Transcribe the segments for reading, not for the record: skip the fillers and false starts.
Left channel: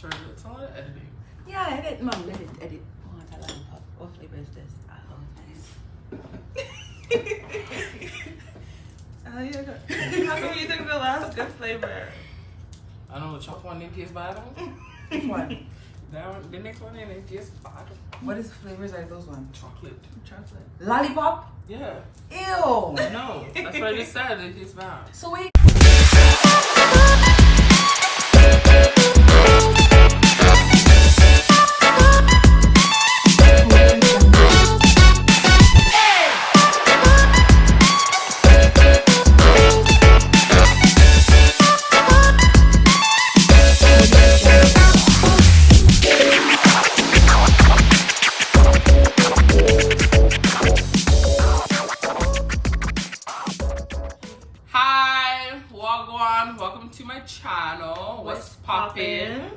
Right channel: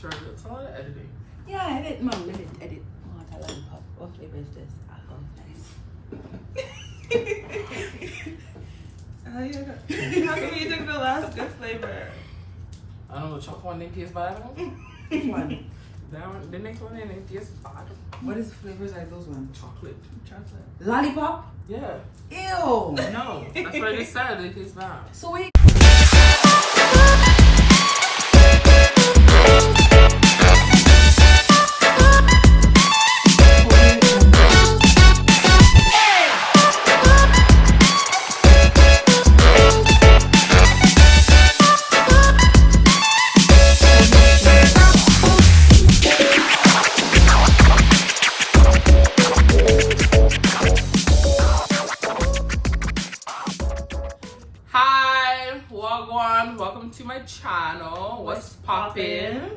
sure. It's a lot of editing. Yeah, edit. Mom, edit. I want a lollipop. What flavor is this? How can you think the last good flavor? I don't know, the chocolate one didn't taste bad. Which one? That one, the next one didn't taste bad. What is flavors like those ones? Chocolate. Lollipop? Yeah. Ew. No, that's what I just said. It tastes bad. So wait. Welcome to my channel. What's poppin'?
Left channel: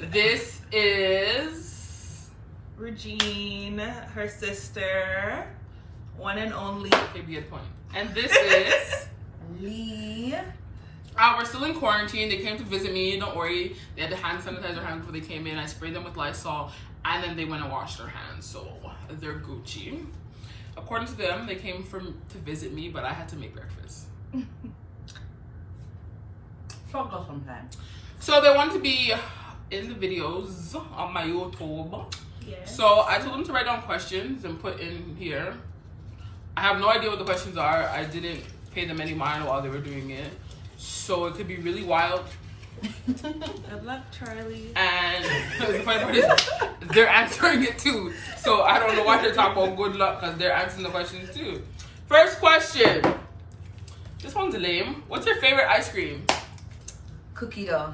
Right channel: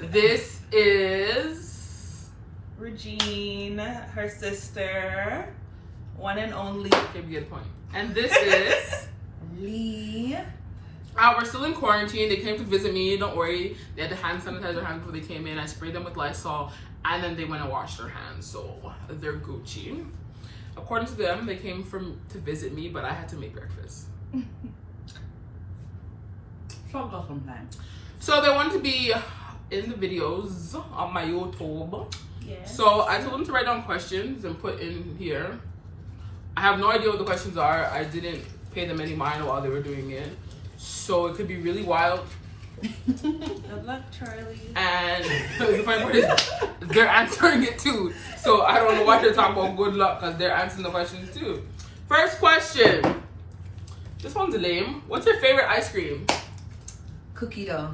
This is Regine, her sister, one and only. Okay, good point. And this is Lee. We're still in quarantine. They came to visit me. Don't worry. They had to hand sanitize their hands before they came in. I sprayed them with Lysol, and then they went and washed their hands, so they're Gucci. According to them, they came to visit me, but I had to make breakfast. Sometimes. So they want to be in the videos on my YouTube. Yes. So I told them to write down questions and put in here. I have no idea what the questions are. I didn't pay them any mind while they were doing it. So it could be really wild. Good luck, Charlie. And the funny part is they're answering it too. So I don't know what they're talking about good luck because they're answering the questions too. First question. This one's lame. What's your favorite ice cream? Cookie dough.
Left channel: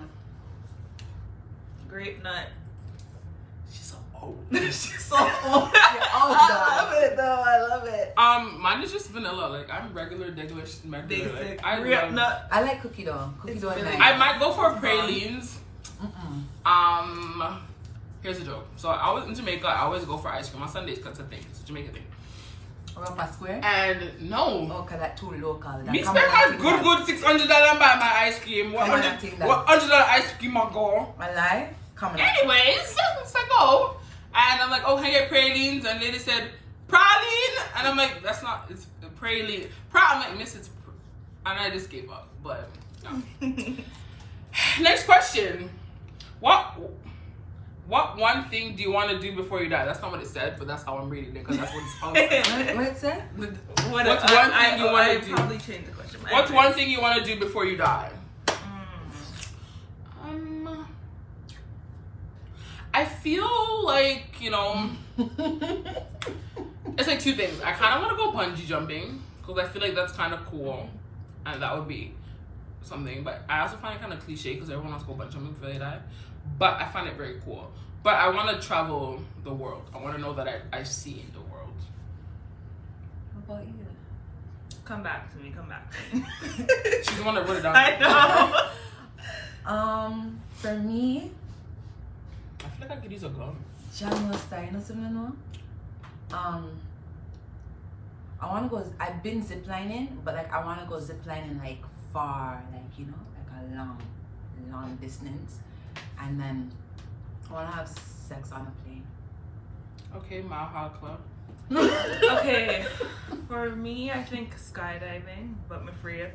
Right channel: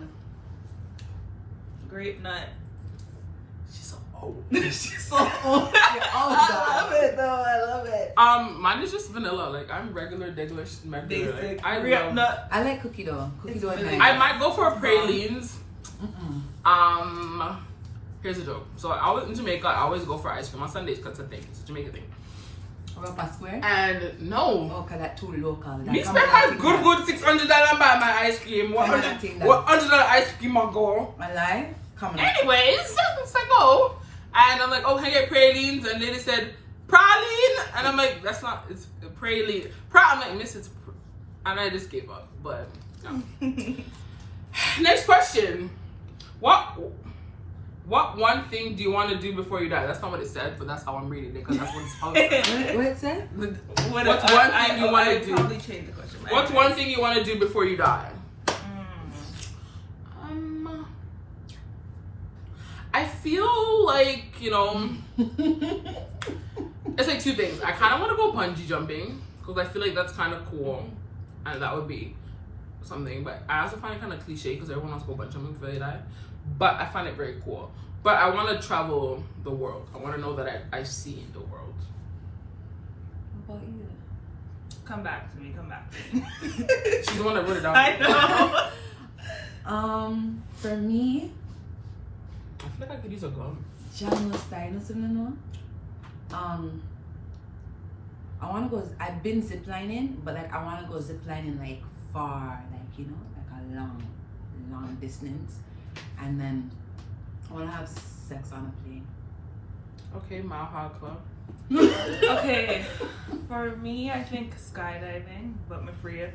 Grape nut. She's so old. She's so old. I love it though. I love it. Mine is just vanilla. Like I'm regular. Basic. Like, I Grape love. nut. I like cookie dough. Cookie dough is really nice. I might go for pralines. Mm-mm. Here's a joke. So I was in Jamaica. I always go for ice cream on Sundays because it's a thing. It's a Jamaican thing. Europa Square? And no. Oh, because that's too local. Me spend my good $600 buy my ice cream. What $100 ice cream I go? My life? Come on. Anyways, so I go. And I'm like, oh, can I get pralines? And lady said, praline? And I'm like, that's not, it's praline. I'm like, miss, it's, and I just gave up. But, yeah. Next question. What one thing do you want to do before you die? That's not what it said, but that's how I'm reading it because that's what it's supposed to say. What it said? What's one thing you want to do? Probably change the question. What's one thing you want to do before you die? I feel like, you know, it's like two things. I kind of want to go bungee jumping because I feel like that's kind of cool, and that would be something. But I also find it kind of cliche because everyone wants to go bungee jumping before they die. But I find it very cool. But I want to travel the world. I want to know that I see the world. What about you? Come back to me. Come back to me. She's the one that wrote it down. I know. For me, I feel like I could use a gun. John was dying or something, you know? I want to go, I've been ziplining, but like I want to go ziplining like far, like, you know, like a long distance. And then I want to have sex on a plane. Okay, Mile High Club. Okay, for me, I think skydiving, but I'm afraid.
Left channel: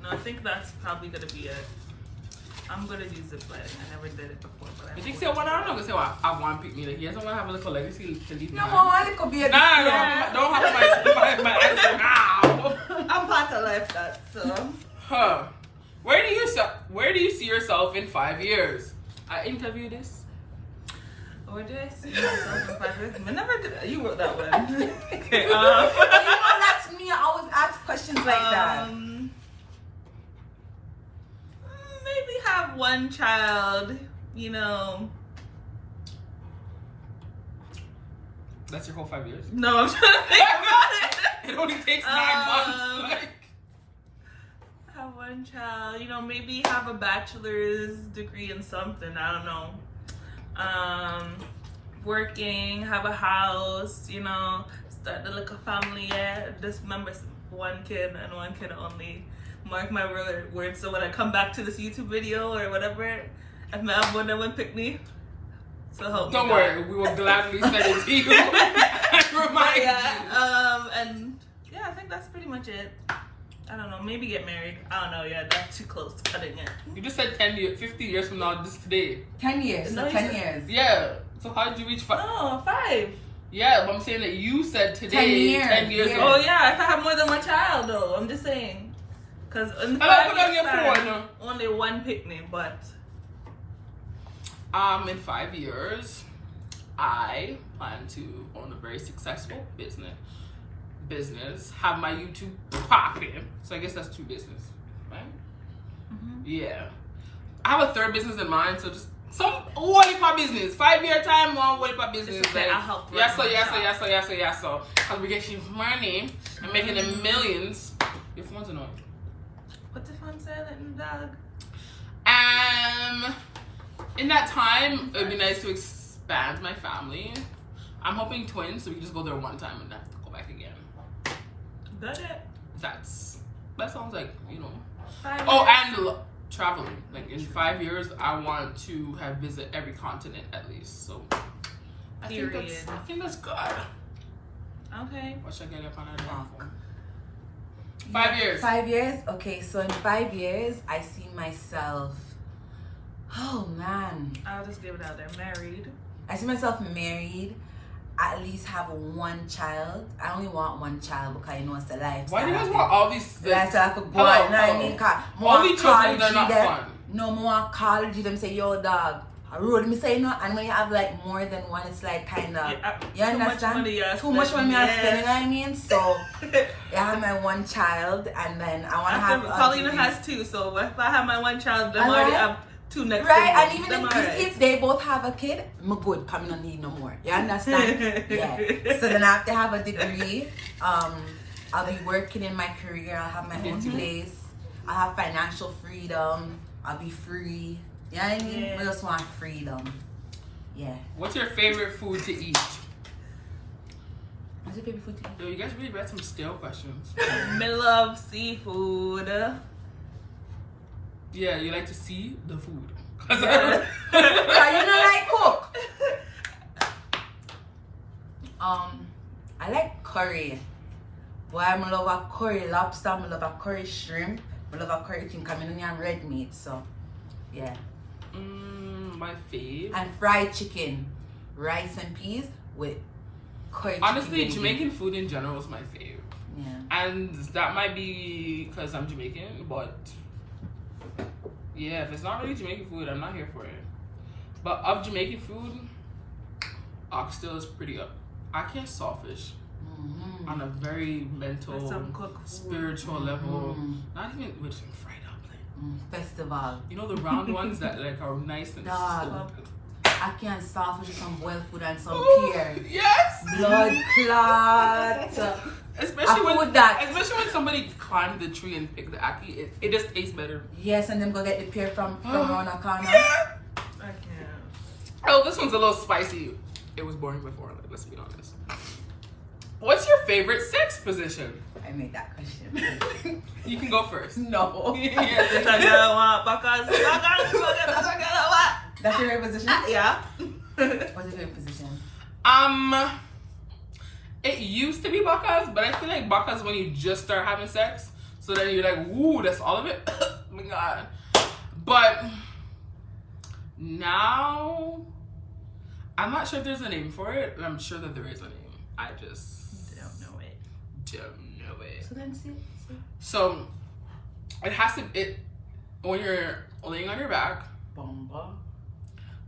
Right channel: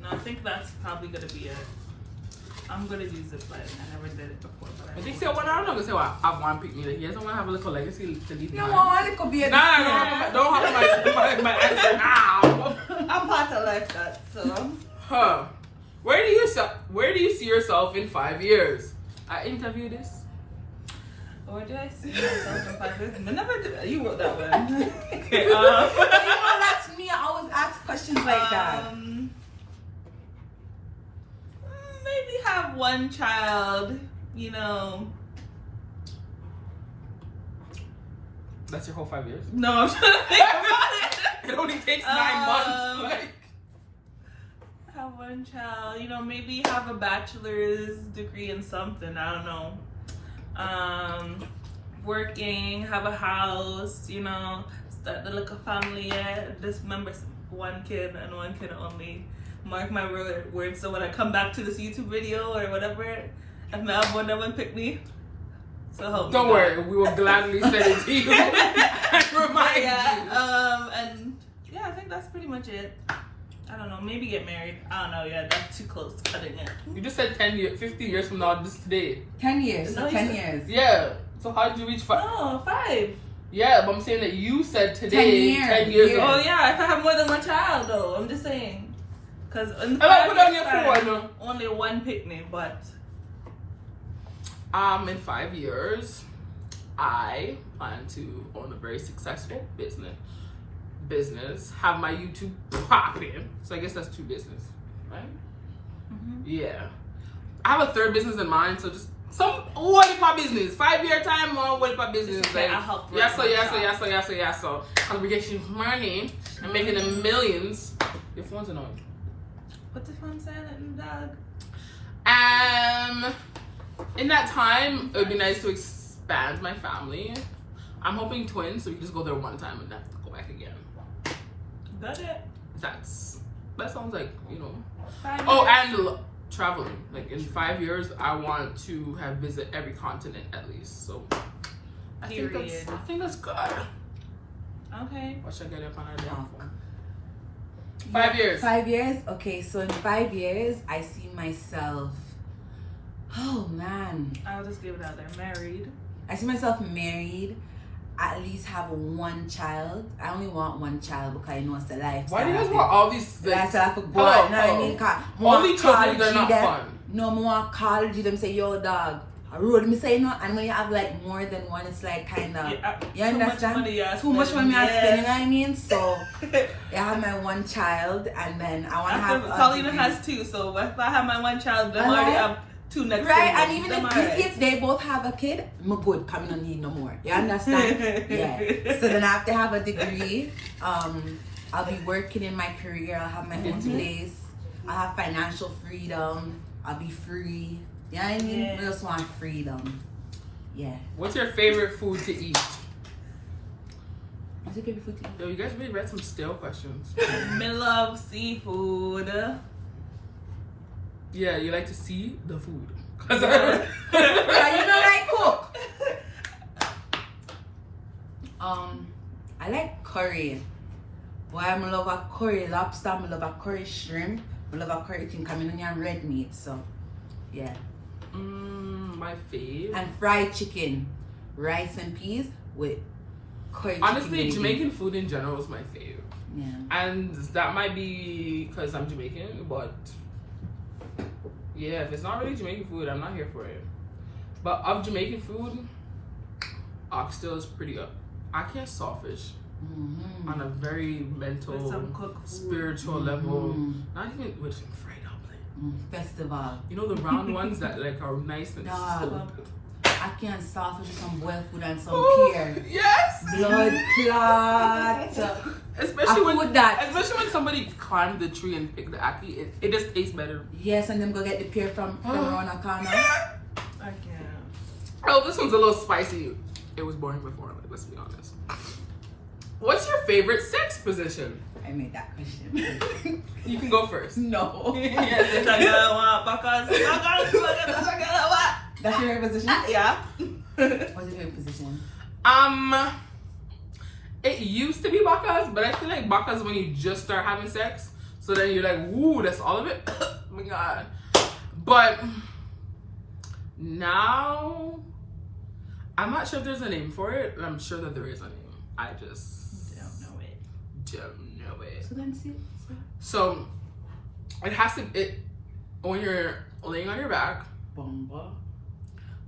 No, I think that's probably gonna be it. I'm gonna do zip lining. I never did it before, but I think so. What I'm not gonna say. What I want to pick me. Like, he doesn't want to have a little legacy to leave No, behind. it could be a Nah, don't have my answer now. I'm part of life that, so. Huh. Where do you see yourself in 5 years? I interviewed this. Where do I see myself in 5 years? I never did. You wrote that one. Okay. You know, that's me. I always ask questions like that. Maybe have one child, you know. That's your whole 5 years? No, I'm trying to think about it. It only takes 9 months. Like. Have one child, you know, maybe have a bachelor's degree in something, I don't know. Working, have a house, you know, start the little family. Yeah, just remember one kid and one kid only. Mark my words. So when I come back to this YouTube video or whatever, if I have one that would pick me, so help me. Don't worry, we will gladly send it to you and remind you. And yeah, I think that's pretty much it. I don't know, maybe get married. I don't know, yeah, that's too close, cutting it. You just said 10 years, 50 years from now, this today. 10 years. No, 10 years. Yeah. So how did you reach 5? No, 5. Yeah, but I'm saying that you said today 10 years ago. Oh yeah, if I have more than one child though, I'm just saying. Because in I don't 5 put on years your time, phone. only one picked me, but In 5 years, I plan to own a very successful business, have my YouTube popping. So I guess that's 2 business, right? mm-hmm. Yeah. I have a 3rd business in mind, so just what is my business? 5-year time, what is my business? It's okay, I'll help. So because we get you money and making them millions. Your phone's annoying. What's the phone saying, dog? In that time, it would be nice to expand my family. I'm hoping twins, so we can just go there one time and not have to go back again. Got it. That sounds like, you know. 5 Oh, years. and traveling. Like in 5 years, I want to have visit every continent at least. So I think that's good. Okay. What should I get up on our damn phone? 5 years. 5 years? Okay, so in 5 years, I see myself. Oh man. I'll just give it out there. Married. I see myself married. At least have 1 child. I only want 1 child because you know it's the life. Why do you guys want all these That's things? I could go out, you know what I mean? Only children are not fun. No, I want to call you them say, yo dog. I road me say, you know, and when you have like more than 1, it's like kind of, you understand? Too much money I spend, you know what I mean? So, I have my 1 child, and then I want to have. Paulina has 2, so if I have my 1 child, then I already have 2 next. Right, and even if these kids, they both have a kid, I'm good, coming on need no more. You understand? Yeah. So then I have to have a degree. I'll be working in my career. I'll have my own place. I have financial freedom. I'll be free. You know what I mean? Yeah. We just want freedom. Yeah. What's your favorite food to eat? What's your favorite food to eat? Yo, you guys really read some stale questions. Me love seafood. Yeah, you like to see the food. Yeah. You know, like cook. I like curry. Boy, I love a curry lobster. I love a curry shrimp. I love a curry thing coming in and red meat. So, yeah. My fave. And fried chicken, rice and peas with curry. Honestly, chicken Jamaican food in general is my fave. Yeah. And that might be because I'm Jamaican, but yeah, if it's not really Jamaican food, I'm not here for it. But of Jamaican food, oxtail is pretty up. I can't sawfish on a very mental, spiritual level. Not even with some fried omelet. Festival. You know the round ones that like are nice and Dog. I can't sawfish with some boiled food and some Ooh, pear. yes. Blood clot. Especially that. Especially when somebody climbed the tree and picked the ackee, it just tastes better. Yes, and then go get the pear from around the corner. Yeah. I can't. Oh, this one's a little spicy. It was boring before, let's be honest. What's your favorite sex position? I made that question. You can go first. No. Yes, This I gotta want because That's your favorite position? Yeah. What's your favorite position? It used to be bakas, but I feel like bakas when you just start having sex. So then you're like, woo, that's all of it. Oh my god. But now, I'm not sure if there's a name for it, and I'm sure that there is a name. I just don't know it. Don't know it. So then see. So it has to when you're laying on your back, Bomba.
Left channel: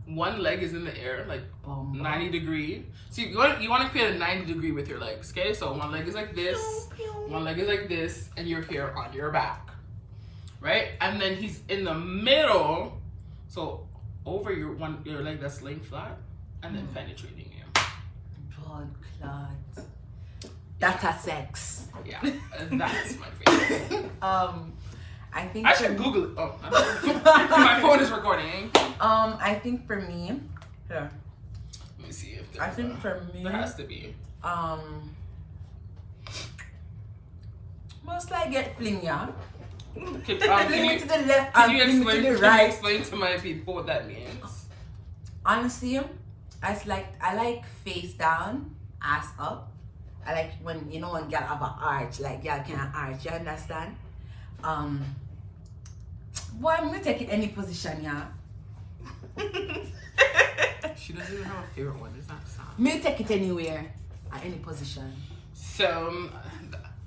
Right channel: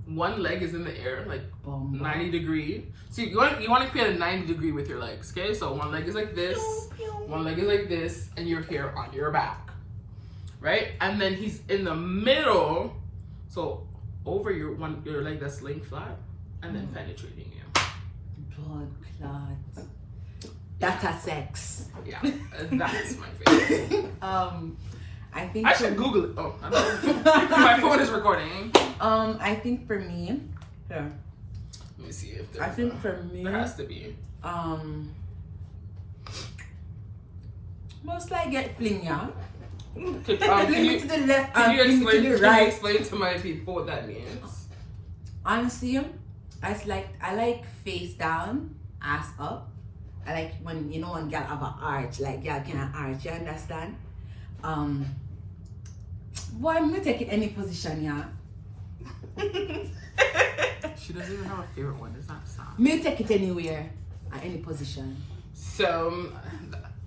one leg is in the air, like Bomba. 90 degree. So you want to create a 90 degree with your legs, okay? So one leg is like this, one leg is like this, and you're here on your back, right? And then he's in the middle, so over your leg that's laying flat, and then penetrating you. Blood clot. That's a sex. Yeah, that's my favorite. I think I should Google it. Oh, I don't know. My phone is recording. I think for me, here. Let me see if I think for me, there has to be. most I get fling, yeah. Fling me to the left Can and you fling me to the explain right. to my people what that means? Honestly, I like face down, ass up. I like when you know when girl have an arch, like girl can arch. You understand? Boy, I'm gonna take it any position, yeah. She doesn't even have a favorite one. It's not sound. Me take it anywhere, at any position. So,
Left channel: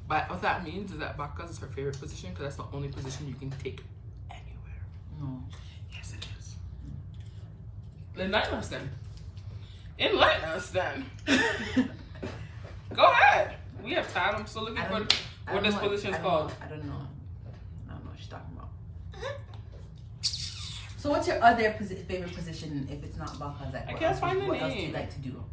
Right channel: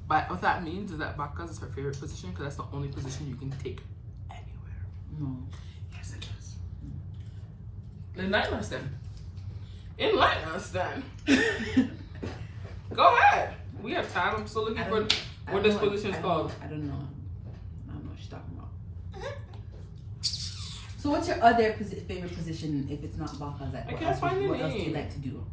but what that means is that Bacchus is her favorite position because that's the only position you can take anywhere. No. Yes, it is. Enlighten us then. Enlighten us then. Go ahead. We have time. I'm still looking for what this position is called. I don't know. I don't know what she's talking about. So what's your other favorite position if it's not Bacchus? Like, I can't find the What else do you name. like to do?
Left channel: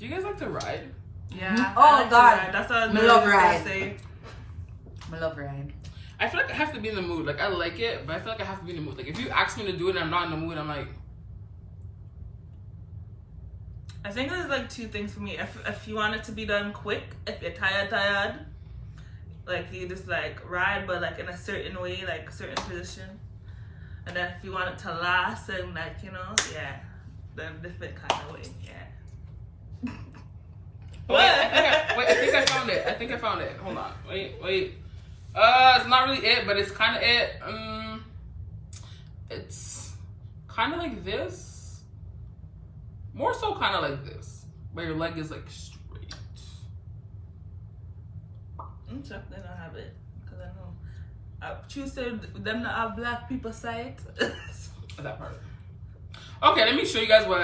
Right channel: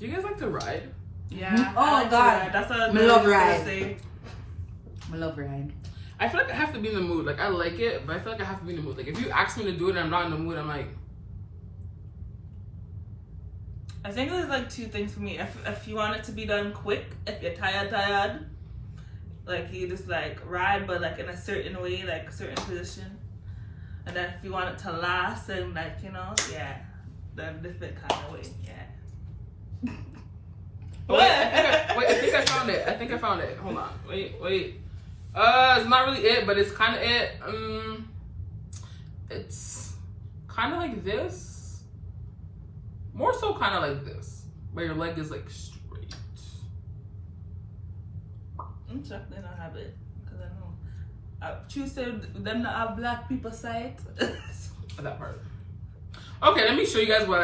Do you guys like to ride? Yeah. Oh, I like to God. ride. That's what I was Me love gonna ride. say. I love ride. I feel like I have to be in the mood. Like I like it, but I feel like I have to be in the mood. Like if you ask me to do it and I'm not in the mood, I'm like, I think there's like two things for me. If you want it to be done quick, if you're tired, like you just like ride, but like in a certain way, like a certain position. And then if you want it to last and like, you know, yeah, then different kind of way, yeah. oh, wait, I think I found it. Hold on. Wait. It's not really it, but it's kind of it. It's kind of like this. More so kind of like this. Where your leg is like straight. I'm definitely not have it. Because I know. I choose them to have black people sight. That part. Okay, let me show you guys what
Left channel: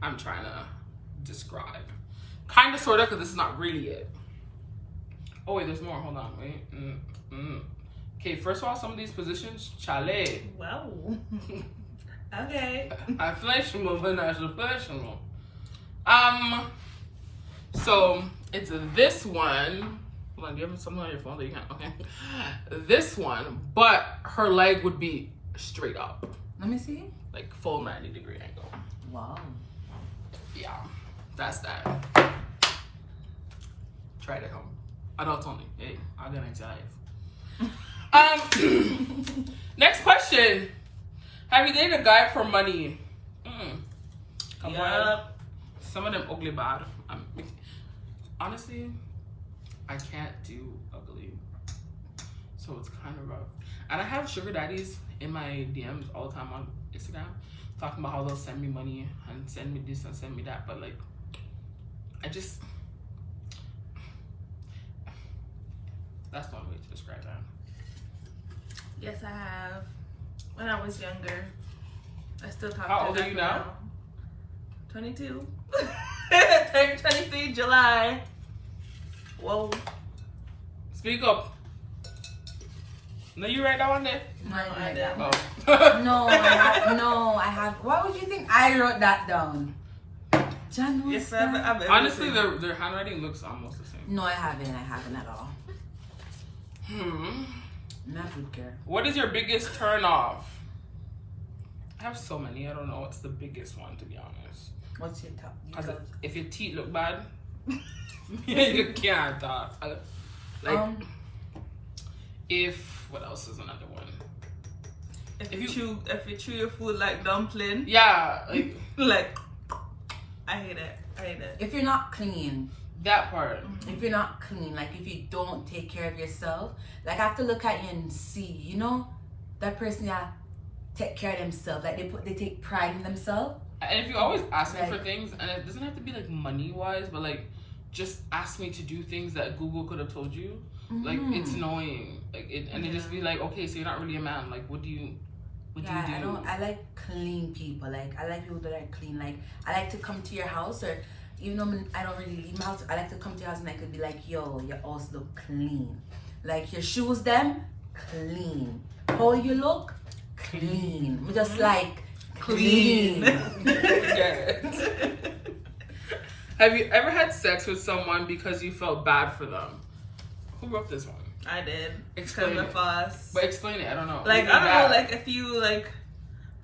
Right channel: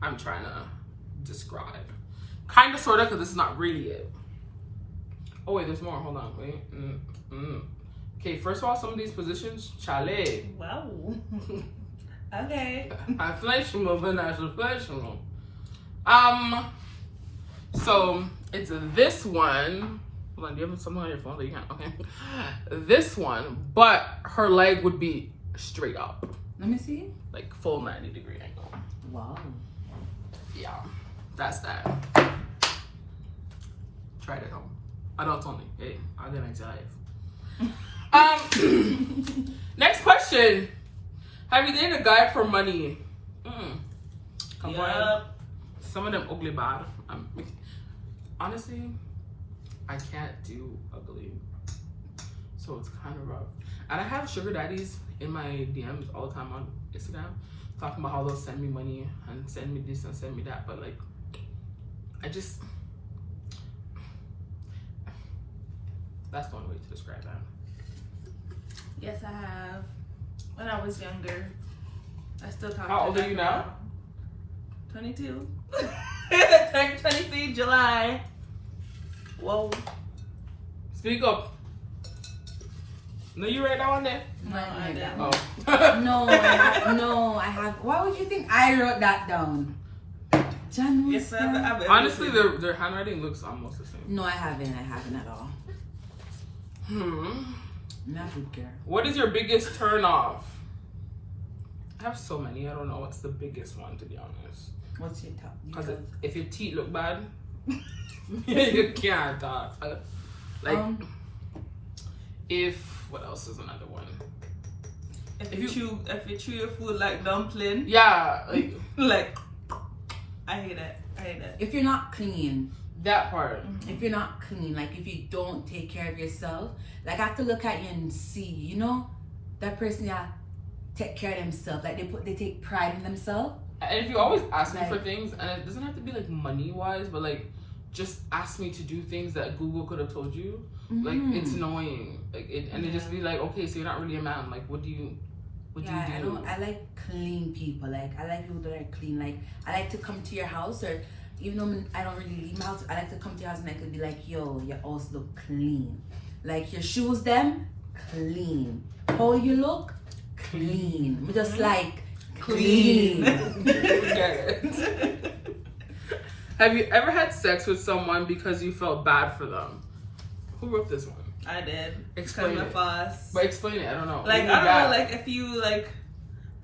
I'm trying to describe. Kind of, sort of, because this is not really it. Oh, wait, there's more. Hold on. Wait. Okay, first of all, some of these positions, chalet. Wow. Okay. I flesh move and I should flesh move. So it's this one. Hold on, do you have something on your phone that you can't? Okay. This one, but her leg would be straight up. Let me see. Like full 90-degree angle. Wow. Yeah, that's that. Try it at home. Adults only. Hey, I'll get anxiety. Next question. Have you dated a guy for money? Come on. Some of them ugly bad. Honestly, I can't do ugly. So it's kind of rough. And I have sugar daddies in my DMs all the time on Instagram talking about how they'll send me money and send me this and send me that. But like, that's one way to describe that. Yes, I have. When I was younger. I still talk How to old are you now? 22. Turned 23 July. Whoa. Speak up. No, you write that one there? No, I didn't. Oh. No, I have. Why would you think I wrote that down? John Yes, I have Honestly, their handwriting looks almost the same. No, I haven't at all. Not good care. What is your biggest turn off? I have so many. I don't know what's the biggest one, to be honest. What's your top? Because if your teeth look bad, you can't talk. What else is another one? If you chew your food like dumpling. Yeah, like I hate it. If you're not clean. That part. If you're not clean, like if you don't take care of yourself, like I have to look at you and see, you know, that person that take care of themselves, like they take pride in themselves. And if you always ask me for things, and it doesn't have to be like money wise, but like just ask me to do things that Google could have told you, like it's annoying. Like it just be like, okay, so you're not really a man. Like what do you do? I like clean people. Like I like people that are clean. Like I like to come to your house, or even though I don't really leave my house, I like to come to your house and I could be like, yo, your house look clean. Like your shoes, them clean. How you look, clean. We just like clean. Have you ever had sex with someone because you felt bad for them? Who wrote this one? I did. Explain it. But explain it. I don't know. Like I don't know. Like if you like,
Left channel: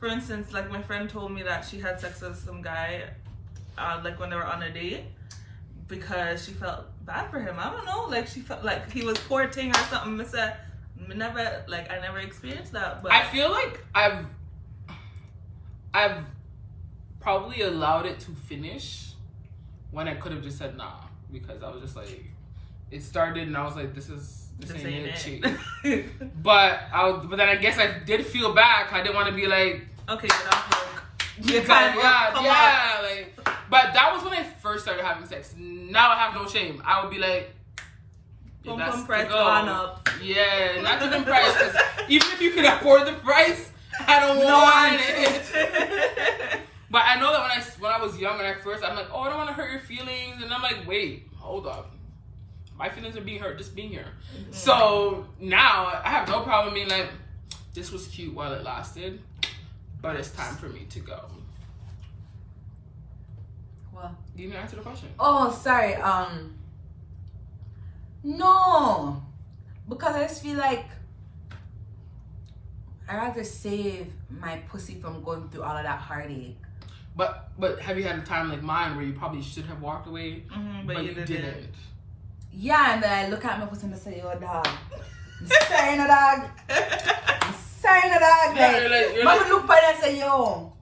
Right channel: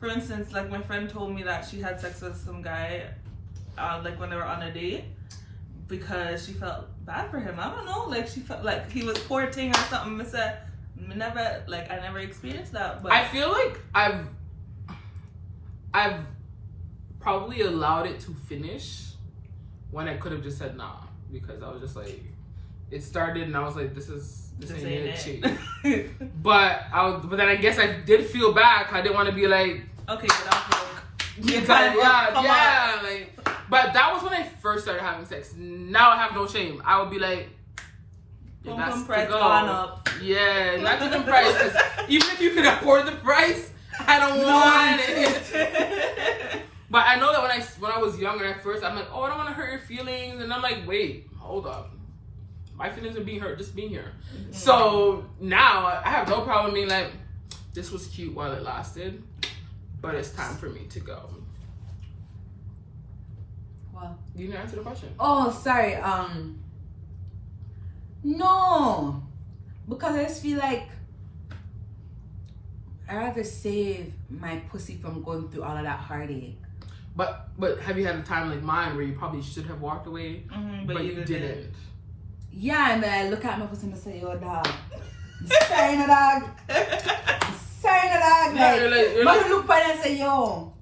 for instance, like my friend told me that she had sex with some guy, like when they were on a date, because she felt bad for him. I don't know, like she felt like he was courting her or something. I said, I never experienced that. But I feel like I've probably allowed it to finish when I could have just said nah, because I was just like, it started and I was like, this ain't it. But then I guess I did feel bad. I didn't want to be like, okay, get off work. Like, but that was when I first started having sex. Now I have no shame. I would be like, pum price gone up. Yeah, not even price. 'Cause even if you can afford the price, I don't want it. But I know that when I was young and at first, I'm like, oh, I don't want to hurt your feelings, and I'm like, wait, hold up. My feelings are being hurt just being here. Mm-hmm. So now I have no problem being like, this was cute while it lasted, but it's time for me to go. Well, you didn't answer the question. Oh, sorry. No, because I just feel like I'd rather save my pussy from going through all of that heartache. But have you had a time like mine where you probably should have walked away, but you didn't? Yeah, and then I look at my pussy and I say, yo, dog. Sorry, no, dog. Sorry, no, dog. Like, look at it and say, yo,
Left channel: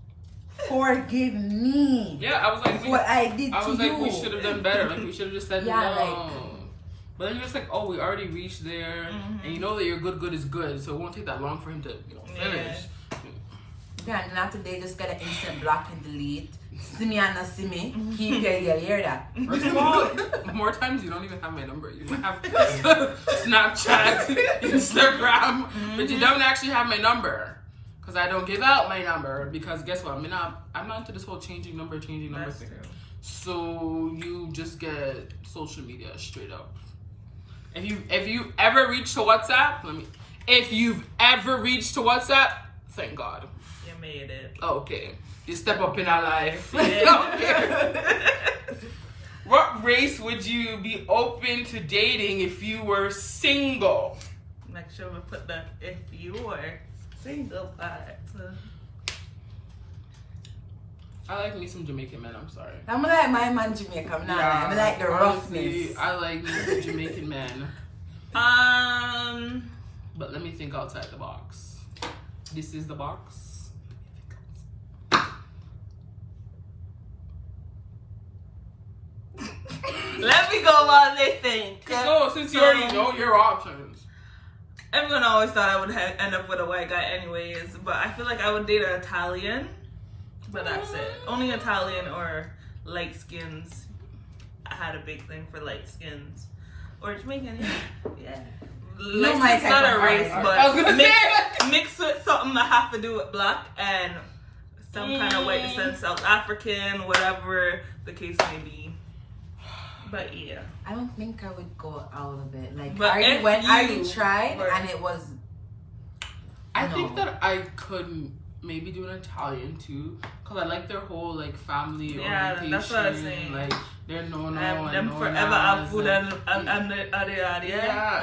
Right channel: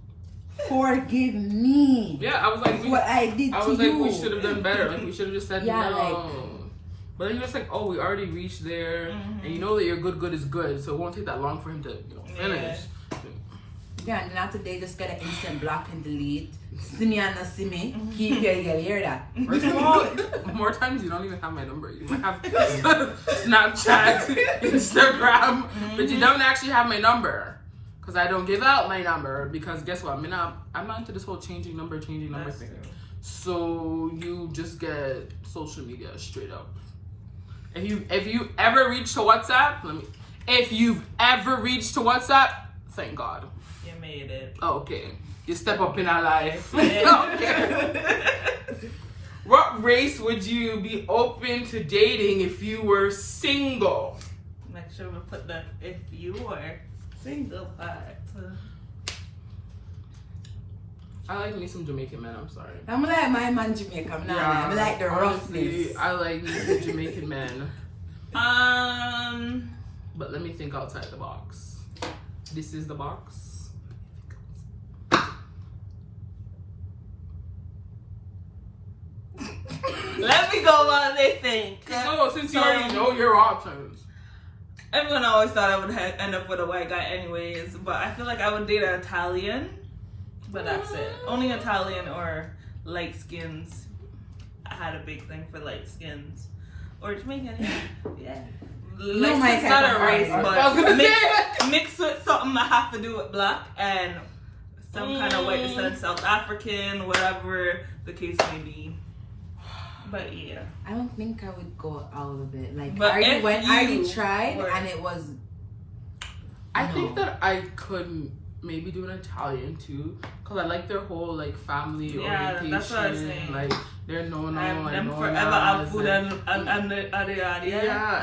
forgive me. Yeah, I was like, what I did to you. I was like, we should have done better. Like, we should have just said no. Like, but then you're just like, oh, we already reached there, and you know that your good is good, so it won't take that long for him to, finish. Yeah, and not today, just get an instant block and delete. See me and not see me. Keep hear that. First of all, more times you don't even have my number. You might have Snapchat, Instagram, but you don't actually have my number. Because I don't give out my number, because guess what? I'm not into this whole changing number thing. True. So you just get social media straight up. If you ever reach to WhatsApp, if you've ever reached to WhatsApp, thank God. You made it. Okay. You step up in our life. Okay. What race would you be open to dating if you were single? Make sure we put the if you were single part. I like me some Jamaican men, I'm sorry. I'm like my man Jamaican. I like the roughness. I like me some Jamaican men. But let me think outside the box. This is the box. Let me go while they think. No, since you already know your options. Everyone always thought I would end up with a white guy anyways, but I feel like I would date an Italian, but that's it. Only Italian or light skins. I had a big thing for light skins. Or Jamaican, yeah. Like, it's not a race, but mixed with something that have to do with black and some kind of white descent, South African, whatever the case may be. But yeah, I don't think I would go out of it. Like, but I already tried and it was. I think that I could maybe do an Italian too, cause I like their whole like family orientation. That's what I'm saying. Like they're no and them forever have food and yeah.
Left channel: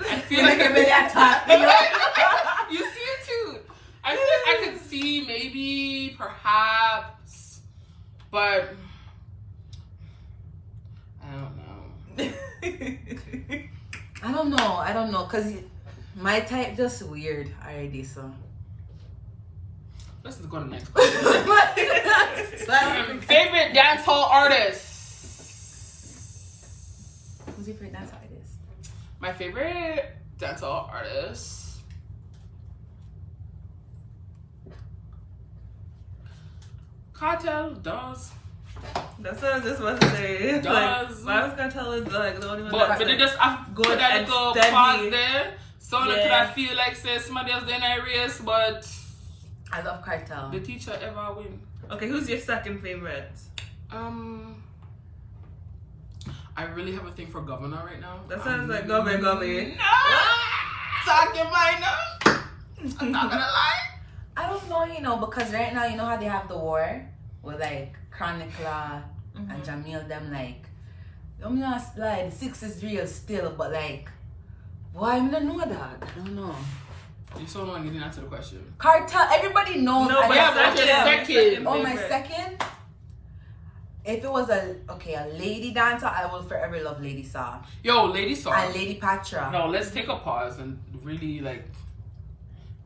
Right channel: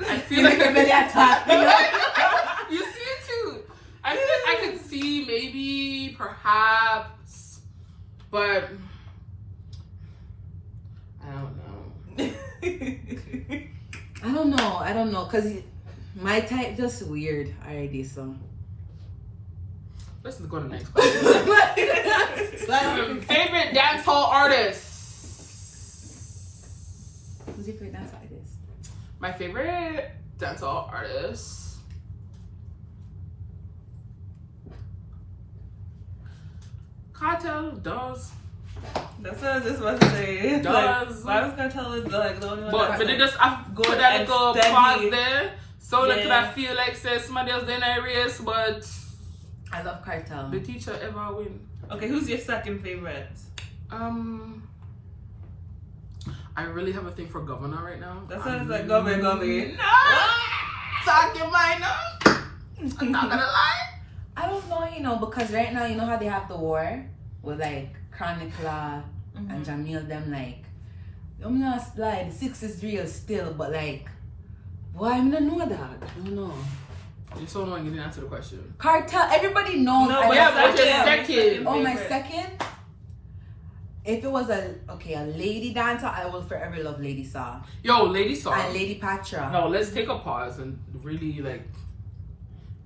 I feel like I'm that top. You see it too. I feel like I could see maybe perhaps, but. I don't know, cause my type just weird already. So let's just go to the next question. Favorite dancehall artist? Who's your favorite dancehall artist? My favorite dancehall artist. Cartel does. That's what I just want to say. Does. Like, I was gonna tell it like the only one. But they just good put that little pause there, so that I feel like says somebody else in a race, but I love Cartel. The teacher ever win. Okay, who's your second favorite? I really have a thing for Governor right now. That sounds like Governor. No! Talking minor. I'm not gonna lie. I don't know, because right now, you know how they have the war with like Chronicler and Jamil, them like, I'm not like 6 is real still, but like, why I'm not know that? I don't know. You're so annoying, you didn't answer the question. Cartel, everybody knows. No, but second. Oh, my second? If it was a lady dancer, I will forever love Lady Saw Yo, Lady Saw. and Lady Patra. No, let's take a pause and really like.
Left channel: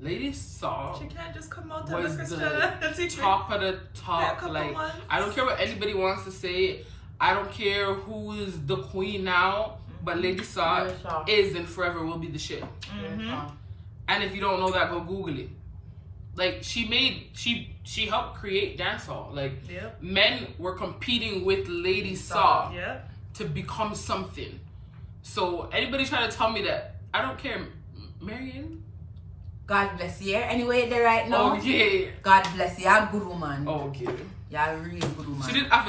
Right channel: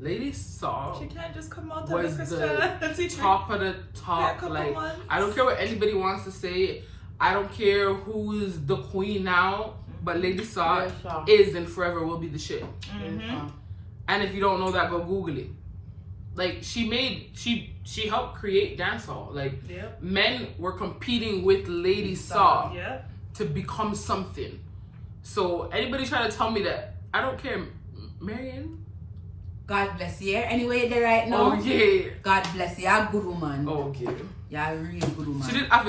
Lady Saw She can't just come out was of the top of the top. Like, I don't care what anybody wants to say. I don't care who is the queen now, but Lady Saw is and forever will be the shit. Mm-hmm. And if you don't know that, go Google it. Like, she helped create dancehall. Like, Yep. men were competing with Lady Saw Yep. to become something. So anybody try to tell me that, I don't care. Marianne? God bless you. Anyway, there right now. Oh yeah. God bless you. You're a good woman. Oh yeah. You're a really good woman. She did have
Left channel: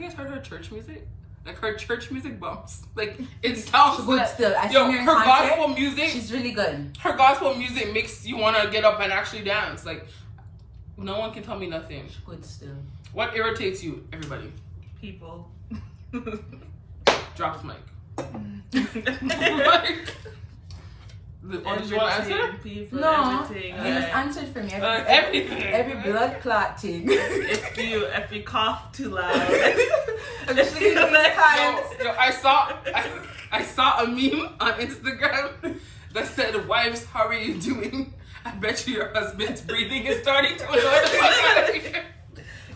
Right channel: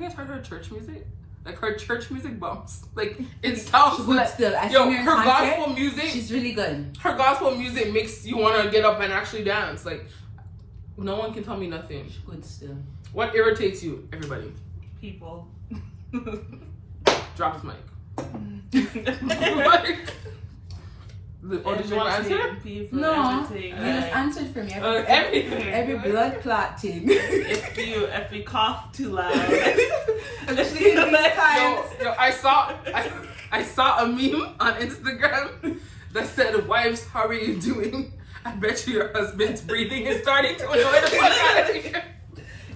you guys heard her church music? Like her church music bumps. Like it sounds She's good like still. I yo, seen her in her concert. gospel music. She's really good. Her gospel music makes you want to get up and actually dance. Like no one can tell me nothing. She's good still. What irritates you, everybody? People. Drop the mic. Or did you want to answer? People, No, everything. you just answered for me. Everything. Every blood clot thing. If you cough too loud. Yo, I saw a meme on Instagram that said, "Wives, how are you doing? I bet you your husband's breathing is starting to annoy the fuck out of you."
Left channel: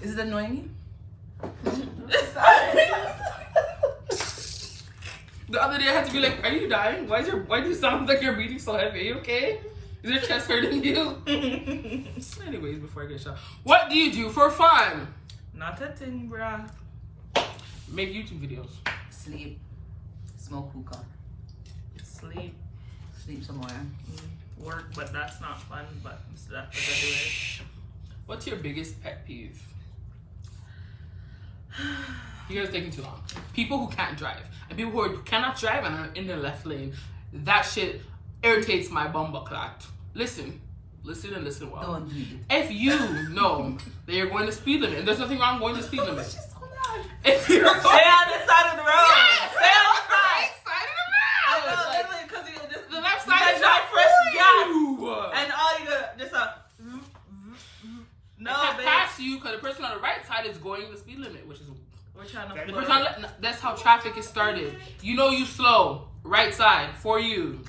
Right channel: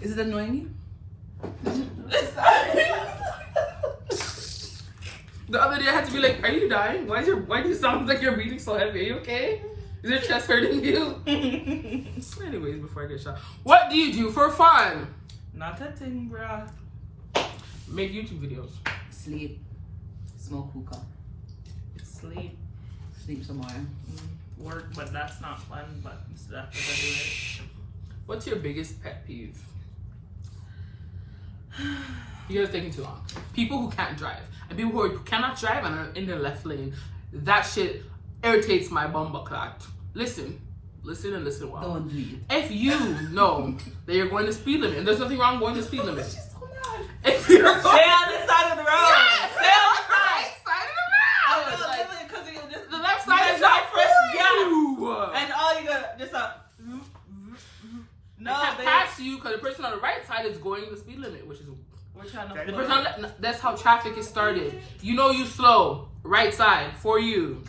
Is it annoying you? The other day I had to be like, "Are you dying? Why do you sound like you're breathing so heavy? Are you okay? Is your chest hurting you?" Anyways, before I get shot, what do you do for fun? Not a thing, bruh. Make YouTube videos. Sleep. Smoke hookah. Sleep. Sleep somewhere. Work, but that's not fun, but you still have to go do it. What's your biggest pet peeve? You guys are taking too long. People who can't drive. And people who cannot drive and are in the left lane. That shit irritates my bumba clot. Listen and listen well. Don't do it. If you know that you're going to speed limit, and there's nothing wrong going to speed limit. She's so loud. If you're Stay on this side of the road. Yes! Stay on the side. Side of the I road. know, literally, because you just The left you side gotta is drive not first for gas. you. And all you got just no, I can't they pass you because the person on the right side is going the speed limit, which is we're trying to the float. person that's how traffic is started. You know you slow, right side for you.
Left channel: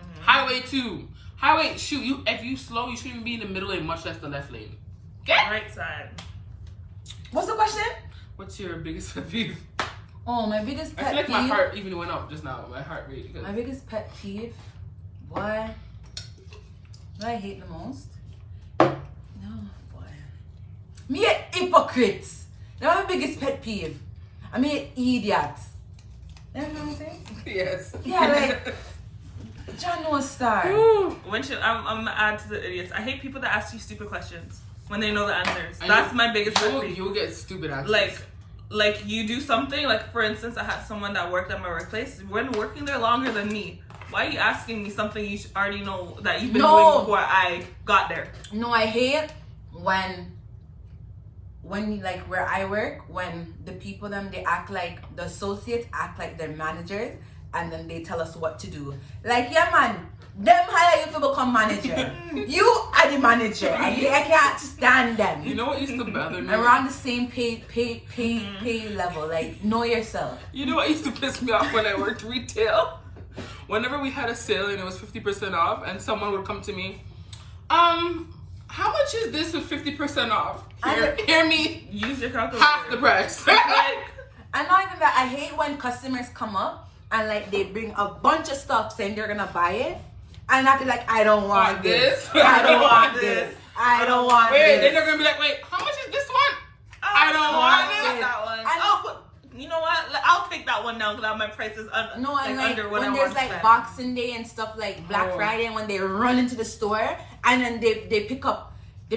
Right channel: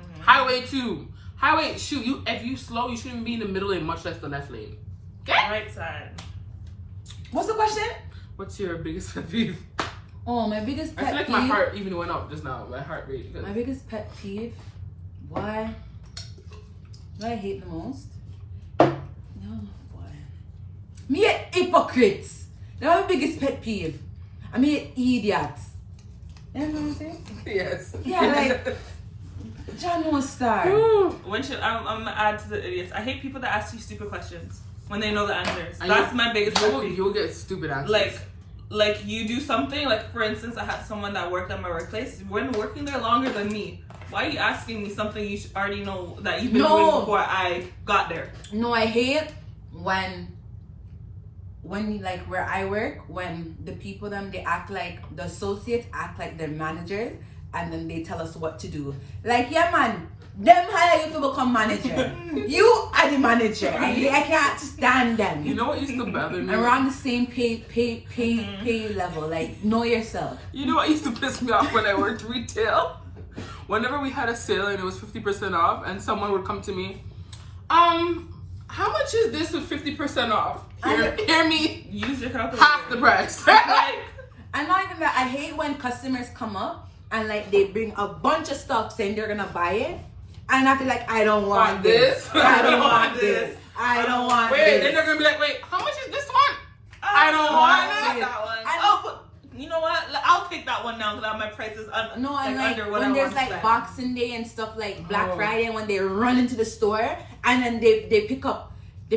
Mhm. Highway 2. Highway, shoot, if you slow, you shouldn't even be in the middle lane, much less the left lane. Okay? Right side. What's the question? What's your biggest pet peeve? Oh, my biggest I pet feel like peeve. my heart even went up just now, my heart rate. My biggest pet peeve. Boy. What I hate the most? No, boy. Me a hypocrites. That's my biggest pet peeve. I mean idiots. You know what I'm saying? Yes. Yeah, like John no star. When should I'm gonna add to the idiots? I hate people that ask you stupid questions when they know the answers. And That's my biggest pet peeve. You'll get stupid answers. Like you do something, like for instance, I had someone that worked at my workplace. When working there longer than me, why are you asking me something you already know that you've been doing before I got there? No, I hate when like where I work, when the people they act like the associates act like they're managers and then they tell us what to do. Like, yeah man, them hire you to become manager. You are the manager. I can't stand them. You know what used to bother me? Around the same pay level. Like, know yourself. You know what used to piss me off when I worked retail? Whenever we had a sale and it was 50% off and someone would come to me, how much is this with 50% off? Hear me, Use your calculator. half the price. Like, And not even that, I hate when customers come up and like they bring a bunch of stuff saying they're gonna buy it. And I feel like I don't want this. I don't want this. I don't want Wait, this. then they're gonna be like, wait, how much is this one? I don't want I it. that one. And- Oh, but you know what? I'll take that one now because my price is No, and like under what I when there's want to like spend. Boxing Day and stuff like Black Friday, when they run into the store and then they pick up a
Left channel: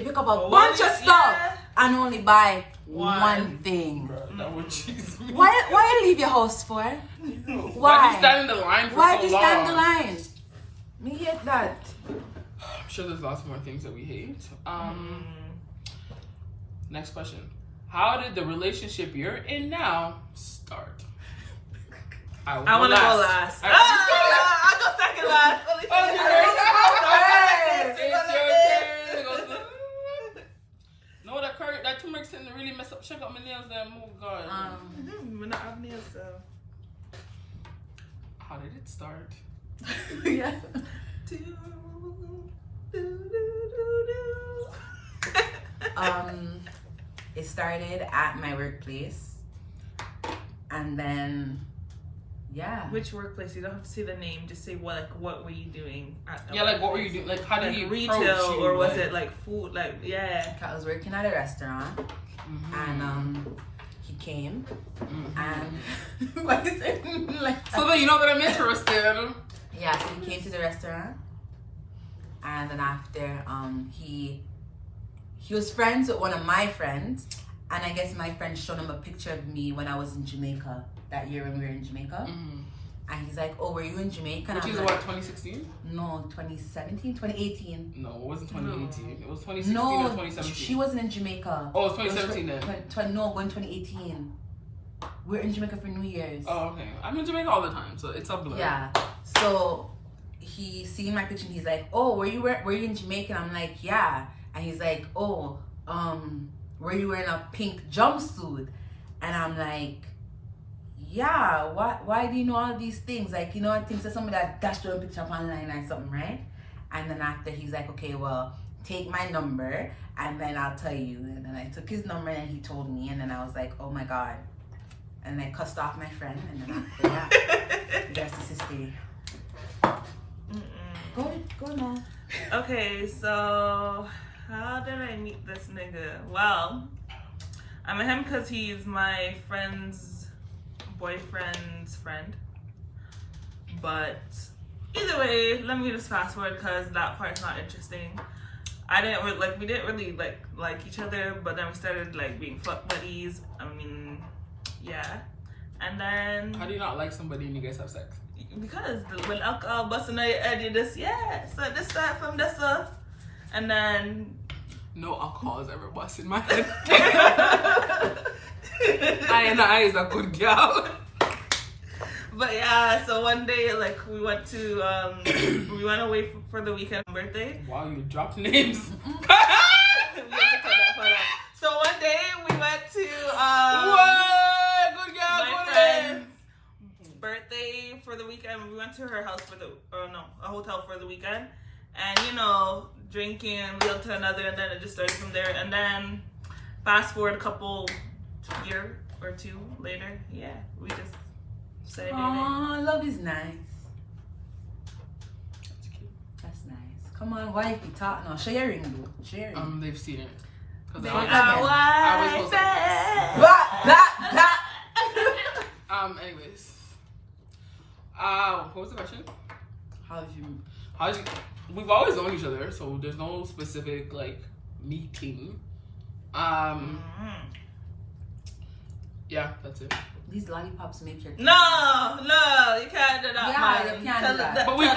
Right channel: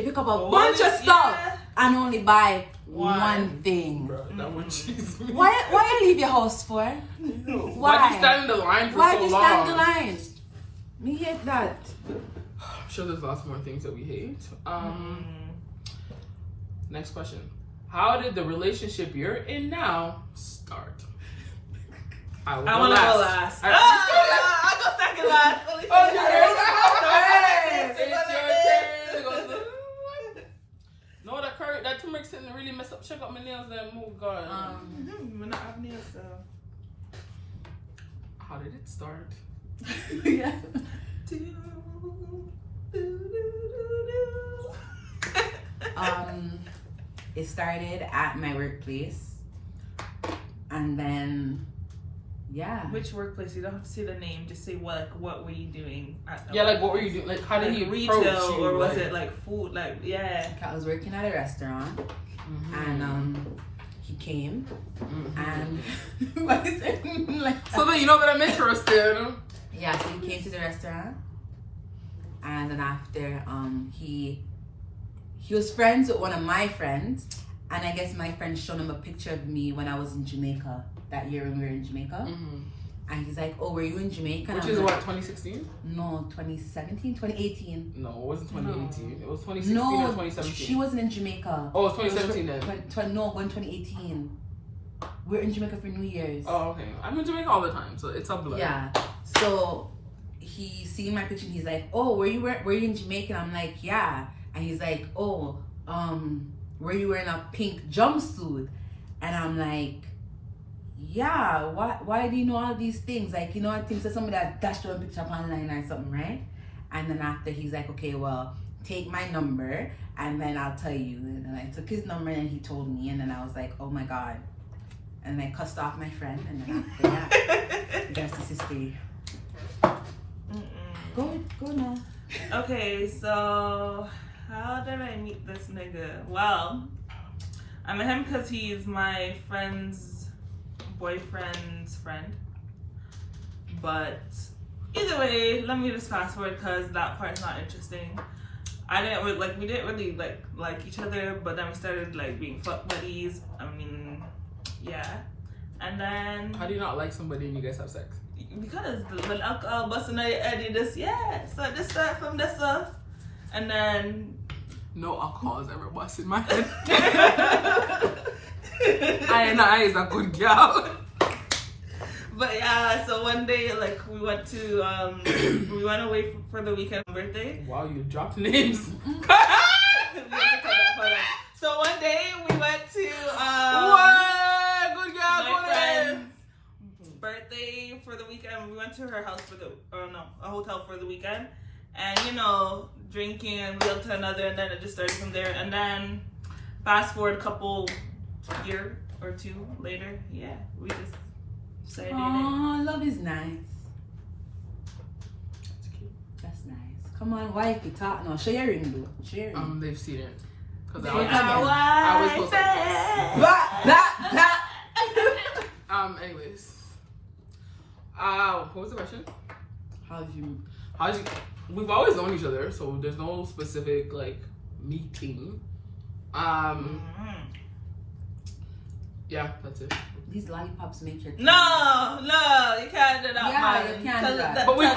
bunch of stuff Yeah. and only buy One. one thing. Bro, that one cheese. Why you leave your house for? Why you stand in the line for Why so you long? stand in line? Me hate that. I'm sure there's lots more things that we hate. Next question. How did the relationship you're in now start? I I want to go last. I'll go second last. Oh, it's your turn. No, that curry that turmeric didn't really mess up. Check out my nails then. Oh God. We're not having nails, so. How did it start? Yeah. It started at my workplace, and then yeah. Which workplace? You don't have to say the name. Just say what were you doing at the Yeah, like what were workplace? you doing? Like how did Like he retail, approach you? or was like, it like food? Like yeah. I was working at a restaurant, and he came, and what is it? Like, So then you know that I'm interested. yeah, so he came to the restaurant, and then after he was friends with one of my friends, and I guess my friend showed him a picture of me when I was in Jamaica that year when we were in Jamaica. And he's like, oh, were you in Jamaica? Which is what, 2016? No, 2017, 2018. No, it wasn't 2018. It was 2016 No, or 2017. she wasn't in Jamaica. Oh, it was 2017 then. No, going 2018. We're in Jamaica for New Year's. Oh, okay. I'm in Jamaica all the time, so it's a blur. Yeah. So he seen my picture and he's like, oh, were you in Jamaica? I'm like, yeah. And he's like, oh, were you wearing a pink jumpsuit? And I'm like, yeah, why do you know all these things? Like, you know, I think so somebody that dashed your picture up online or something, right? And then after he's like, okay, well, take my number and then I'll tell you. And then I took his number and he told me, and then I was like, oh my God. And I cussed off my friend, and then after that, the rest is history. Go now. Okay, so how did I meet this nigga? Well, I met him because he's my friend's boyfriend's friend. But either way, let me just fast forward because that part's not interesting. We didn't really like each other, but then we started like being fuck buddies. I mean, yeah. And then How do you not like somebody and you guys have sex? because when alcohol busting out your head, you just so this start from this stuff, and then No alcohol has ever busted my head. I is a good girl. But yeah, so one day like we went to we went away for the weekend birthday. Wow, you dropped names. We have to cut that part out. So one day we went to What? Good girl, my good. friend's birthday for the weekend. We went to her house for a hotel for the weekend, and you know, drinking and one to another, and then it just started from there. And then fast forward a couple year or two later, yeah, we just started dating. Oh, love is nice. That's nice. Come on, wifey, talk now. Show your ring, boo. Show your ring. They've seen it. Cause They I was supposed to. That. Anyways. What was the question? How'd you? We've always known each other, so there's no specific like meeting. Yeah, that's it. These lollipops make your. No, you can't do that, Yeah, man. you can't do that. But we've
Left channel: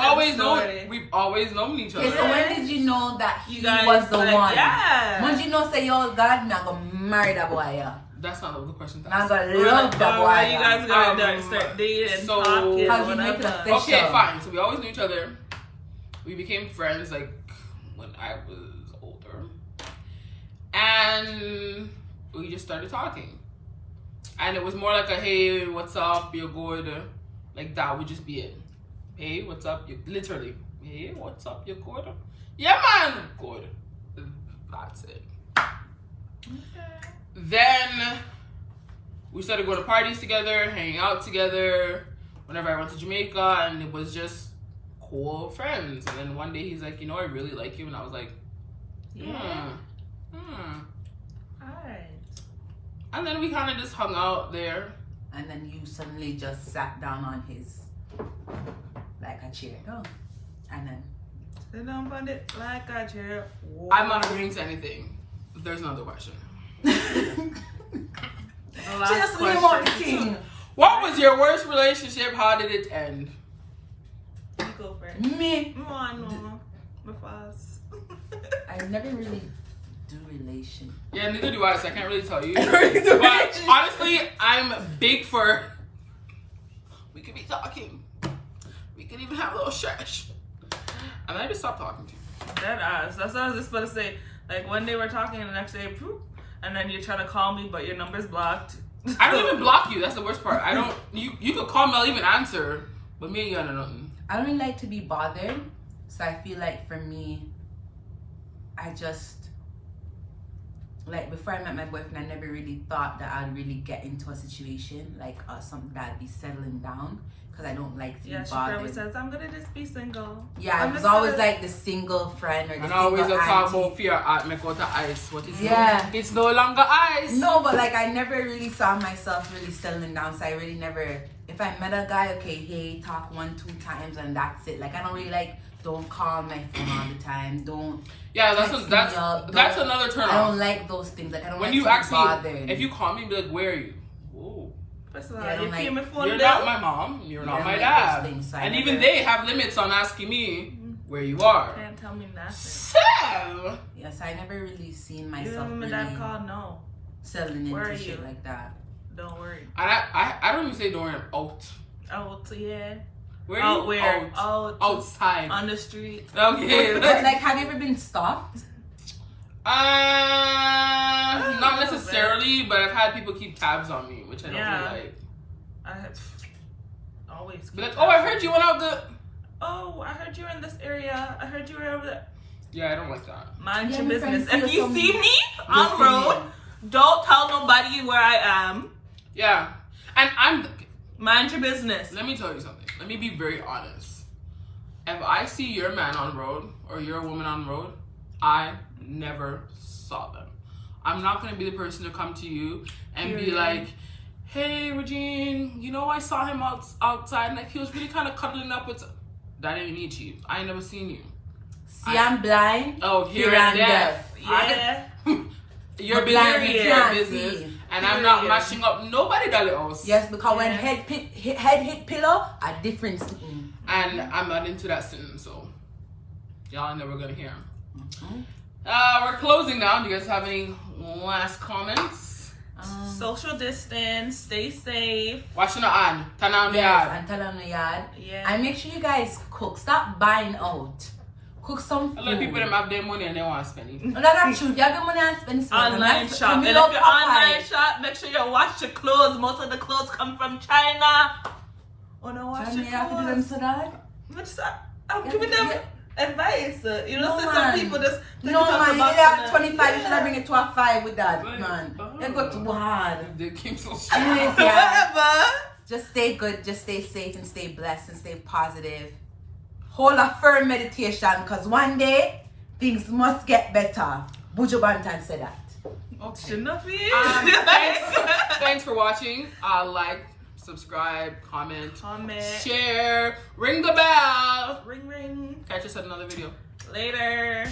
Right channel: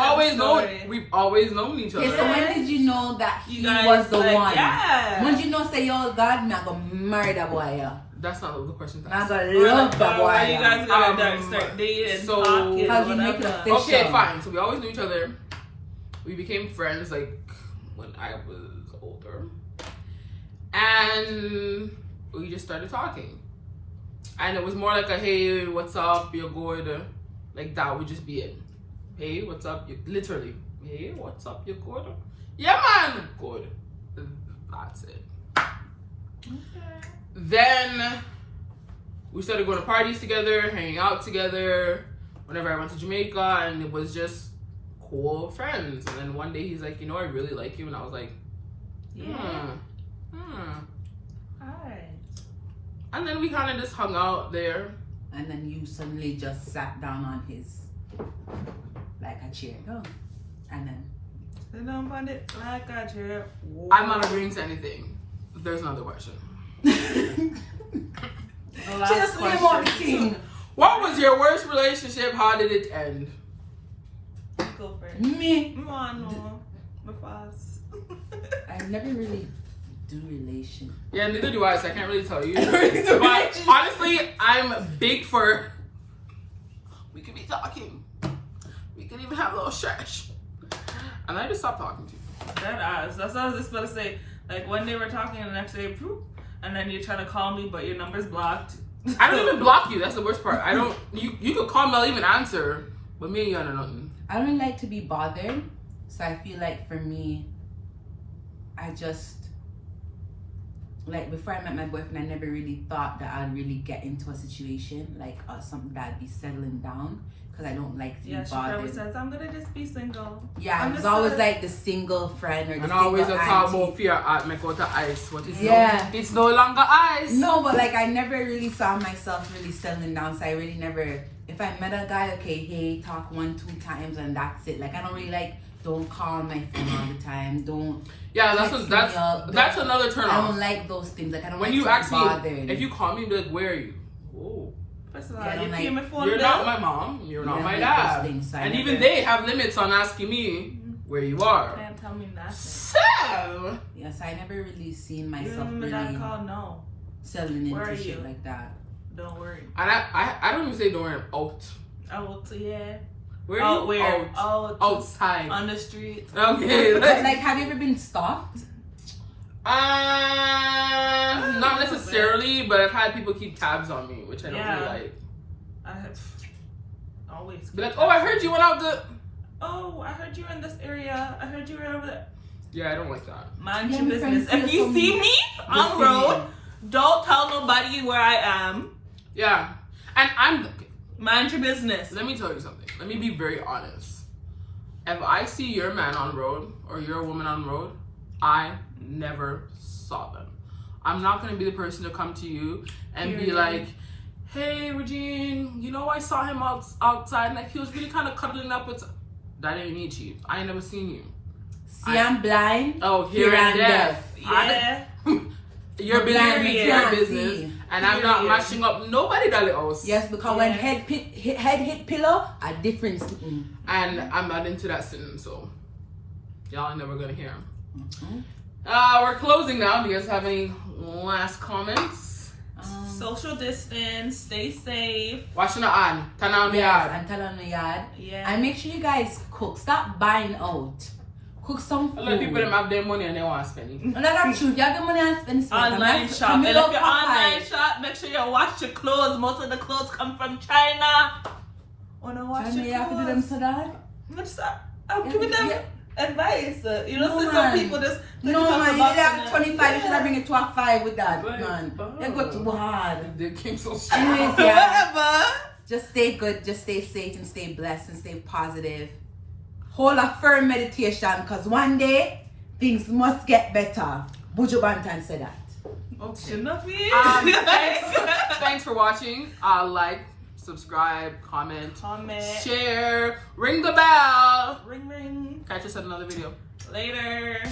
always known each other. Okay, so when did you know that You he guys was the like, one? yeah. When did you know say, yo, God, I'm gonna marry that boy, yeah? That's not the question. I'm gonna love that boy. Why you guys yeah. gonna start dating, so- talking, How'd you make it whatever. official? Okay, fine. So we always knew each other. We became friends like when I was older, and we just started talking. And it was more like a hey, what's up? You're good. Like that would just be it. Hey, what's up? You literally. Hey, what's up? You're good. Yeah, man. Good. That's it. Okay. Then we started going to parties together, hanging out together. Whenever I went to Jamaica, and it was just cool friends. And then one day he's like, you know, I really like you, and I was like, Alright. And then we kind of just hung out there. And then you suddenly just sat down on his, like a chair. Oh. And then. Sit down on it like a chair. I'm not agreeing to anything. There's another question. Last Just me one question. thing. What was your worst relationship? How did it end? You go first. Me. Come on, no. My fast. I never really do relation. Yeah, neither do I, so I can't really tell you. But But honestly, I'm big for. We could be talking. We could even have a little stretch. And I just stopped talking to you. That ass. That's what I was just about to say. Like one day we're talking and the next day, poof. and then you're trying to call me, but your number's blocked. I don't even block you. That's the worst part. I don't. You could call me. I'll even answer. But me, you know nothing. I don't like to be bothered, so I feel like for me, I just like before I met my boyfriend, I never really thought that I'd really get into a situation like something that I'd be settling down because I don't like to be She bothered. always says, "I'm gonna just be single." Yeah, I'm I was just always gonna- like the single friend or the And single always a talk auntie. about fear art make out of ice. What is Yeah. It's no longer ice. No, but like I never really saw myself really settling down, so I really never. If I met a guy, okay, hey, talk 1-2 times and that's it. Like I don't really like. Don't call my phone all the time. Don't. Yeah, that's text what, me up, that's don't- another turn I off. don't like those things. Like I don't When like you to ask be me, bothered. if you call me, be like, where are you? Whoa. First of all, Yeah, I you don't pay like- my phone You're bill. not my mom. You're not Yeah, my like dad. those things, so I And never- even they have limits on asking me where you are. Can't tell me nothing. Sam! Yes, I never really seen You myself remember that really call? No, settling Where are into shit you? like that. don't worry. And I don't even say don't worry, I'm out. Oh, yeah. Where are you? Where? Out. Out. Outside. On the street. Okay. But like, have you ever been stalked? Not necessarily, but I've had people keep tabs on me, which I don't Yeah. really like. I have always. Be like, oh, I heard you went out the. Oh, I heard you were in this area. I heard you were over there. Yeah, I don't like that. Mind Yeah, your my business. friends If say you some- see me on the road, don't tell nobody where I am. Yeah. And Mind your business. let me tell you something. Let me be very honest. If I see your man on the road or your woman on the road, I never saw them. I'm not going to be the person to come to you and be Period. like, hey, Regine, you know, I saw him outside and like, he was really kind of cuddling up with. That ain't me, Chief. I ain't never seen you. See, I'm blind. Oh, here and deaf. Yeah. Your business blind, is you your can't business. see. And I'm not Period. matching up nobody belly else. Yes, because when Yeah. head hit pillow, a different sitting. And I'm not into that sitting, so y'all are never gonna hear him. Mhm. We're closing now. Do you guys have any last comments? Social distance. Stay safe. Washing your hand. Turn on the Yes, yard. and tell on the yard. Yeah. And make sure you guys cook. Stop buying out. Cook some A lot of people food. them have their money and they want to spend it. Well, that's true. You have the money and spend it. Online shop. And if you're online shop, make sure you wash your clothes. Most of the clothes come from China. Oh no, wash China, your you have to do them clothes. so that. I'm giving them advice. You know, No, so man. some people just No, talk man, you about have them. 25, you should have bring it to a 5 with that, Right. man. Oh. You go too hard. They came so Anyways, strong. yeah. Whatever. Just stay good, just stay safe and stay blessed and stay positive. Hold a firm meditation because one day things must get better. Buju Banton said that. Okay. Shouldn't be. Thanks for watching. Like, subscribe, comment, Comment. share, ring the bell. Ring ring. Catch us at another video. Later.